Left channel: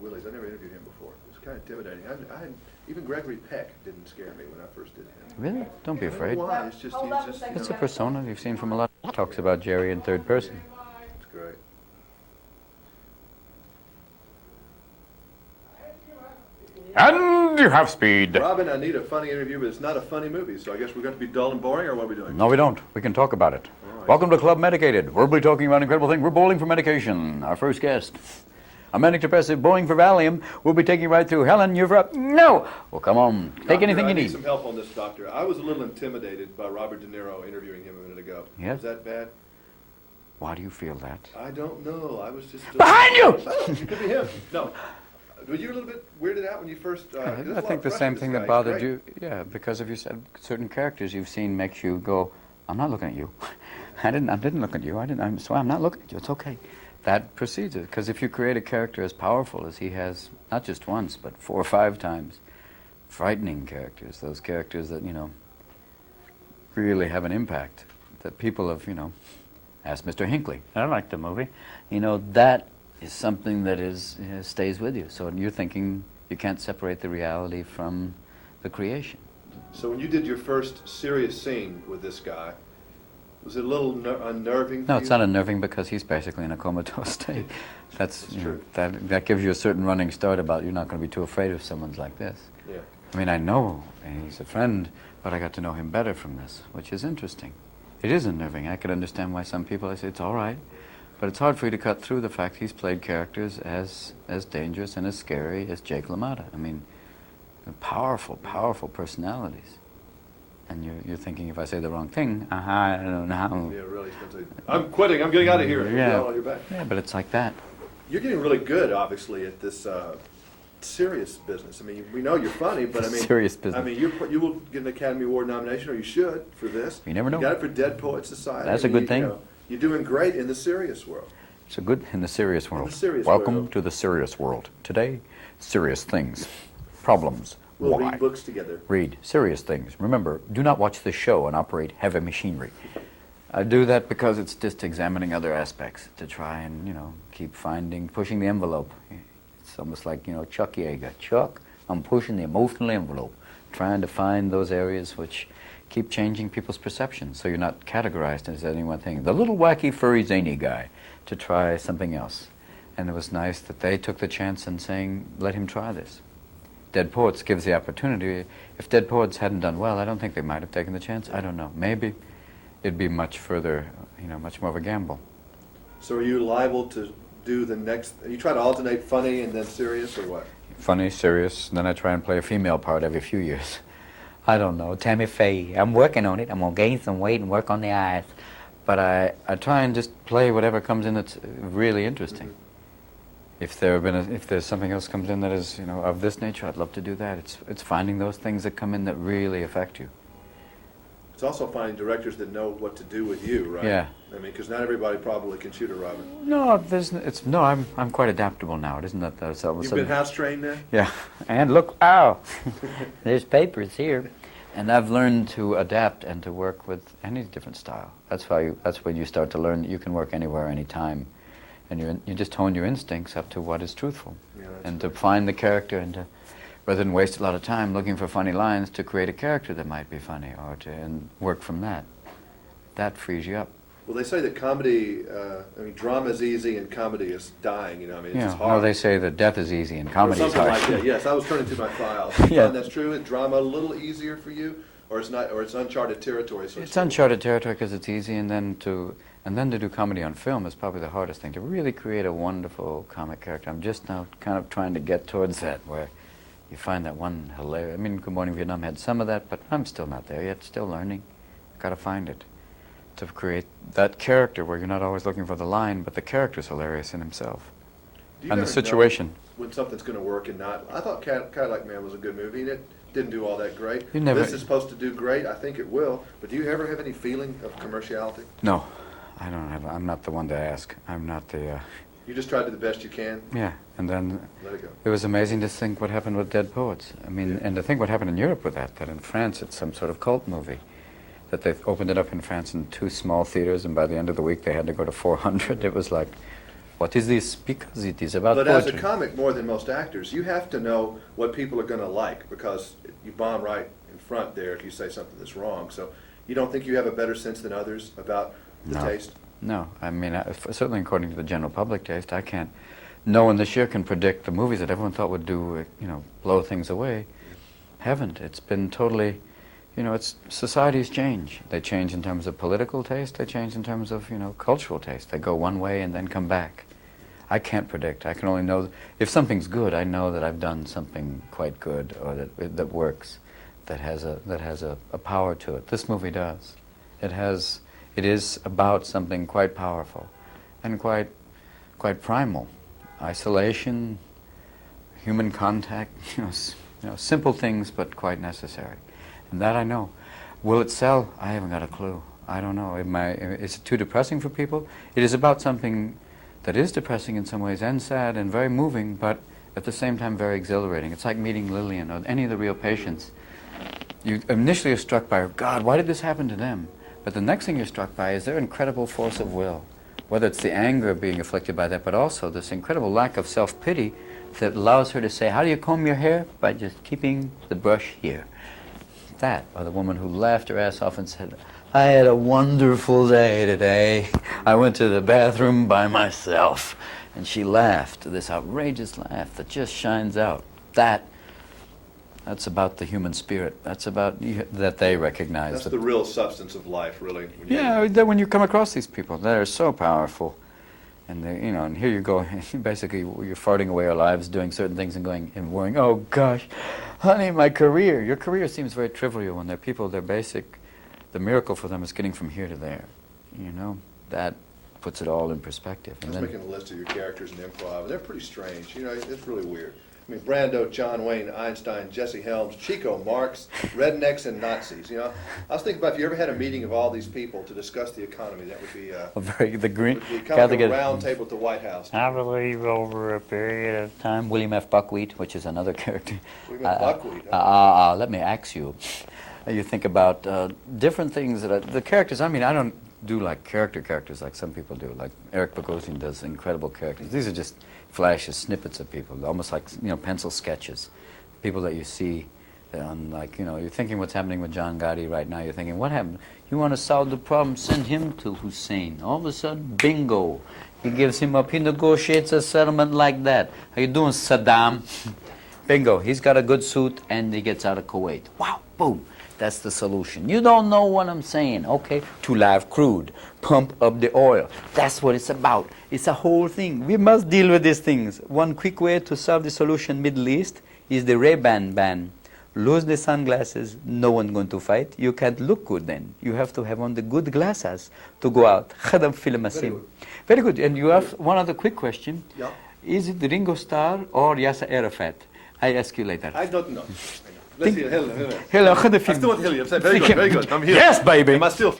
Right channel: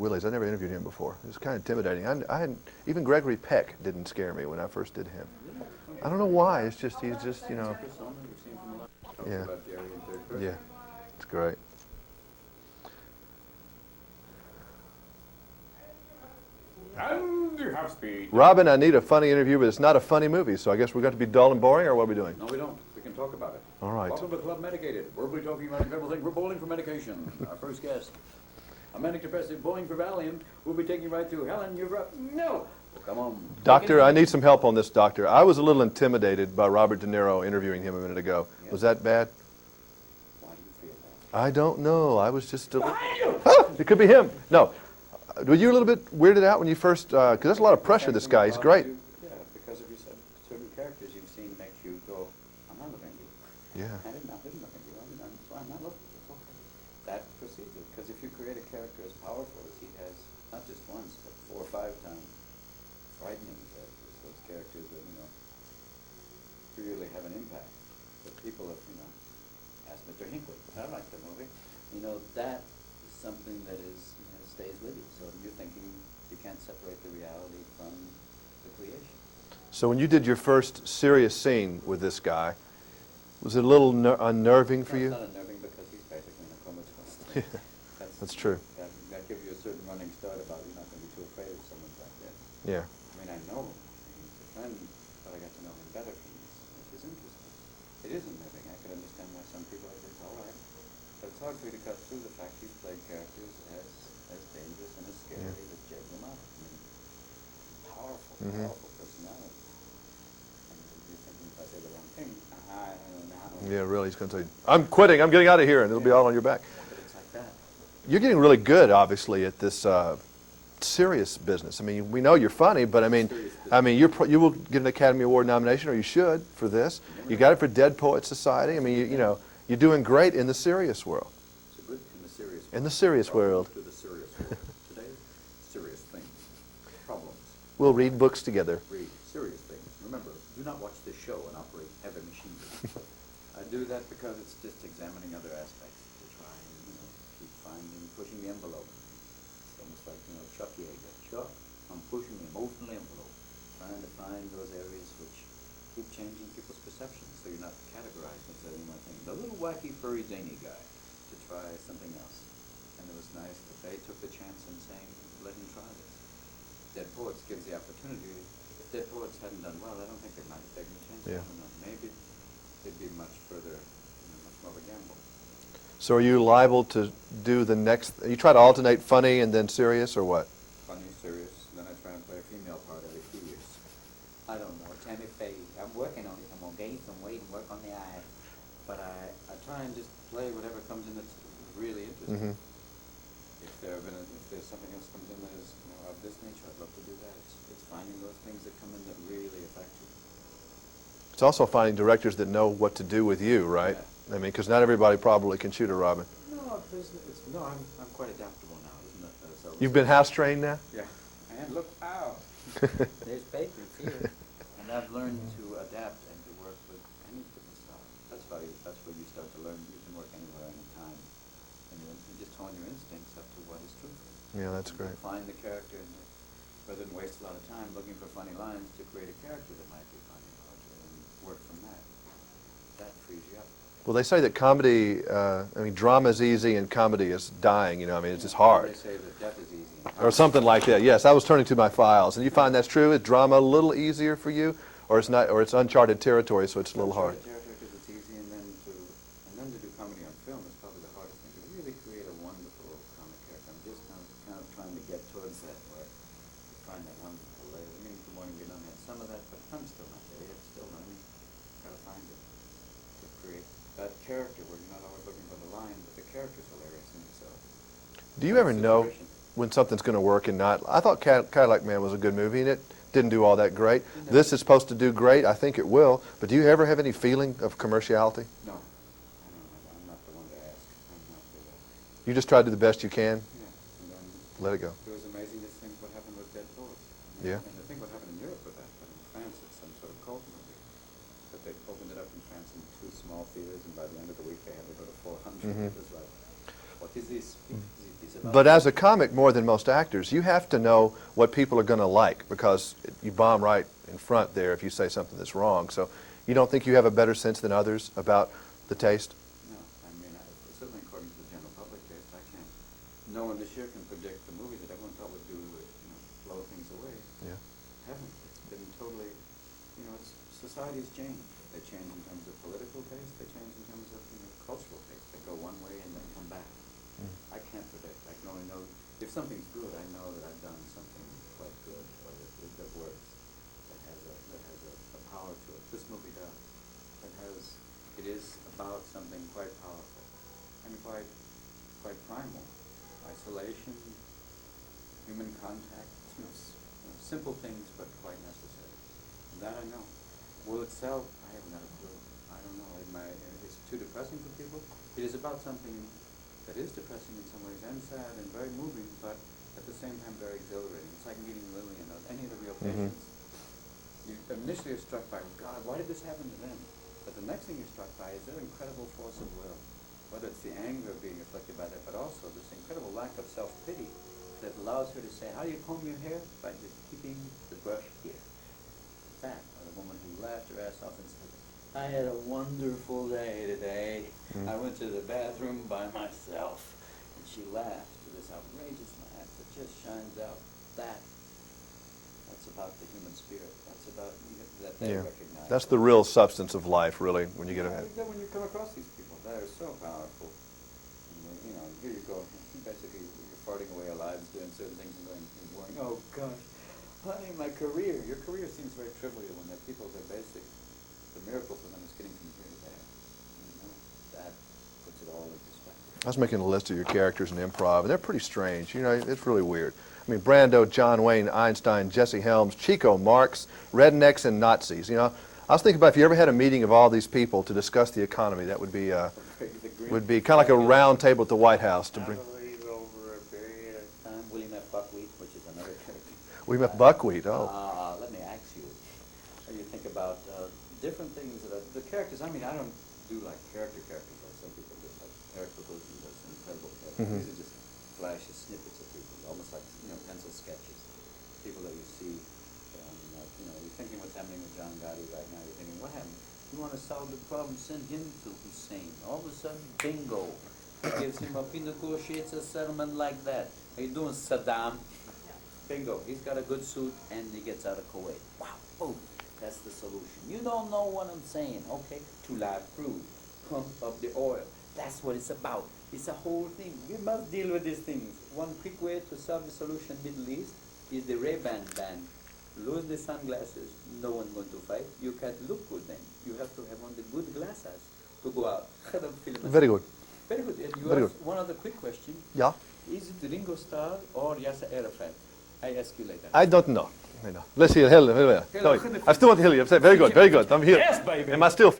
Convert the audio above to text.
Willie's. I never interviewed him before. It was kind of intimidating. I hadn't, even Gregory Peck didn't scare me when I first did him. Really? Don't be I don't afraid. know why. It's just, he's just, you It's know. a persona you've seen from a lot. Talks Yeah. about Jerry in third person. Yeah. It's great. And you have speed. Robin, I need a funny interview, but it's not a funny movie, so I guess we're going to be dull and boring, or what are we doing? No, we don't. We can talk about it. All right. Welcome to Club Medicated. Verbally talking about incredible things. We're bowling for medication. Our first guest, a manic depressive bowling for Valium. We'll be taking you right through. Helen, you're up. No. Well, come on. Take Doctor, anything I you need need. some help on this, Doctor. I was a little intimidated by Robert De Niro interviewing him a minute ago. Yes? Was that bad? Why do you feel that? I don't know. I was just... Behind you! It could be him. No. Were you a little bit weirded out when you first... Because there's a lot of pressure on this guy. He's great. Yeah, because of you said certain characters you've seen makes you go, I'm not looking at you. Yeah. I didn't look at you. So I'm not looking at you. It's okay. That precedes it. Because if you create a character as powerful as he has, not just once, but 4 or 5 times, frightening characters, those characters that, you know, really have an impact, that people have, you know, asked Mr. Hinckley. I liked the movie. You know, that is something that stays with you. So you're thinking you can't separate the reality from the creation. So when you did your first serious scene with this guy, was it a little unnerving for you? No, it's not unnerving because he's basically in a comatose state. That's true. That gives you a certain running start about you're not going to be too afraid of someone like this. Yeah. I mean, I know he's a friend, but I got to know him better from this, which is interesting. It is unnerving. I could understand why some people, I say, it's all right. But it's hard for you to cut through the fact he's played characters as dangerous and as scary as Jake LaMotta. I mean, powerful, powerful personalities. And you're thinking, if I say the wrong thing, I don't know. Yeah, really. He's going to say, I'm quitting, I'm getting out of here. And you'll be Yeah. all on your back. Yeah, but it's like that. You're getting really good, obviously, at this serious business. I mean, we know you're funny, but I mean, Serious business. I mean, you will get an Academy Award nomination, or you should, for this. You never know. You got it for Dead Poets Society. That's I mean, a good thing. You know, you're doing great in the serious world. It's a good in the serious world. the serious Welcome world. to the serious world. Today, serious things, problems. We'll Why? read books together. Read serious things. Remember, do not watch this show and operate heavy machinery. I do that because it's just examining other aspects to try and, you know, keep pushing the envelope. It's almost like, you know, Chuck Yeager. Chuck, I'm pushing the emotional envelope, trying to find those areas which keep changing people's perceptions so you're not categorized as any one thing. The little wacky, furry, zany guy to try something else. And it was nice that they took the chance in saying, let him try this. Dead Poets gives the opportunity. If Dead Poets hadn't done well, I don't think they might have taken the chance. I don't know. Maybe it'd be much further, you know, much more of a gamble. So are you liable to do the next, you try to alternate funny and then serious, or what? Funny, serious, and then I try and play a female part every few years. I don't know. Tammy Faye. I'm working on it. I'm going to gain some weight and work on the eyes. But I try and just play whatever comes in that's really interesting. Mm-hmm. If there's something else comes in that is, you know, of this nature, I'd love to do that. It's finding those things that come in that really affect you. It's also finding directors that know what to do with you, right? Yeah. I mean, because not everybody probably can shoot a Robin. No, I'm quite adaptable now. It isn't that there's all of a You've sudden- been house trained now? Yeah, and look, ow, there's papers here. And I've learned to adapt and to work with any different style. That's when you start to learn that you can work anywhere, anytime. And you just hone your instincts up to what is truthful. Yeah, that's and right. to find the character and to, rather than waste a lot of time looking for funny lines, to create a character that might be funny and work from that. That frees you up. Well, they say that comedy, drama is easy and comedy is dying, you know, I mean, it's just hard. No, they say that death is easy and comedy or something is hard. like that, yes. I was turning to my files. Do you Yeah. find that's true? Is drama a little easier for you? Or it's not, or it's uncharted territory, so it's It's still uncharted territory because it's easy, and then to do comedy on film is probably the hardest thing, to really create a wonderful comic character. I'm just now kind of trying to get towards that, where you find that one hilarious. I mean, Good Morning Vietnam had some of that, but I'm still not there yet, still learning. Got to find it, to create that character where you're not always looking for the line, but the character's hilarious in himself. Do you and ever the situation. know when something's going to work and not? I thought Cadillac Man was a good movie, and it didn't do all that great. You never- This is supposed to do great. I think it will. But do you ever have any feeling of commerciality? No, I don't have. I'm not the one to ask. I'm not the. You just try to do the best you can, Yeah, and then let it go. it was amazing to think what happened with Dead Poets. I mean, Yeah. and to think what happened in Europe with that in France it's some sort of cult movie. That they opened it up in France in 2 small theaters, and by the end of the week they had to go to 400. Mm-hmm. It was like, What is this? Because it is about But as a poetry. comic, more than most actors, you have to know what people are going to like, because you bomb right in front there if you say something that's wrong. So you don't think you have a better sense than others about the No. taste? No, I mean, certainly according to the general public taste, I can't. No one this year can predict the movies that everyone thought would do, blow things away. Haven't. It's been totally, societies change. They change in terms of political taste. They change in terms of, cultural taste. They go one way and then come back. I can't predict. I can only know if something's good. I know that I've done something quite good, or that works, that has a power to it. This movie does. It is about something quite powerful, and quite primal. Isolation, human contact, simple things, but quite necessary. And that I know. Will it sell? I haven't got a clue. I don't know. Is it too depressing for people? It is about something that is depressing in some ways, and sad, and very moving, but at the same time very exhilarating. It's like meeting Lillian or any of the real patients. You initially are struck by, God, why did this happen to them? But the next thing you're struck by is their incredible force of will. Whether it's the anger being afflicted by that, but also this incredible lack of self-pity that allows her to say, how do you comb your hair? By just keeping the brush here. That, or the woman who laughed her ass off and said, I had a wonderful day today. I went to the bathroom by myself. And she laughed, this outrageous laugh that just shines out. That's about the human spirit. That's about that they recognize. That's the real substance of life, really. When you come across these people, they're so powerful. And and here you go, basically you're farting away our lives doing certain things and worrying, oh gosh, honey, my career. Your career seems very trivial when they're people, they're basic. The miracle for them is getting from here to there. That puts it all in perspective. I was making a list of your characters in improv, and they're pretty strange. It's really weird. I mean, Brando, John Wayne, Einstein, Jesse Helms, Chico Marx, rednecks, and Nazis. I was thinking about if you ever had a meeting of all these people to discuss the economy, that would be would be kind of like a round table at the White House. I believe over a period of time, William F. Buckwheat, which is another character. William F. Buckwheat. Let me ask you. You think about different things the characters. I mean, I don't do like characters like some people do. Like Eric Bogosian does incredible characters. These are just flashes, snippets of people, almost like pencil sketches, people that you see on you're thinking what's happening with John Gotti right now. You're thinking, what happened? You want to solve the problem? Send him to Hussein. All of a sudden, bingo, he gives him up. He negotiates a settlement like that. How you doing, Saddam? Bingo, he's got a good suit and he gets out of Kuwait. Wow, boom. That's the solution. You don't know what I'm saying, okay? To live crude, pump up the oil. That's what it's about. It's a whole thing. We must deal with these things. One quick way to solve the solution Middle East is the Ray-Ban ban. Lose the sunglasses, no one going to fight. You can't look good then. You have to have on the good glasses to go out. Very good. Very good. And you have one other quick question. Yeah. Is it Ringo Starr or Yasser Arafat? I ask you later. I don't know. Let's see. Hello. Hello. I still want to hear you. Very good. I'm here. Yes, baby. Am I still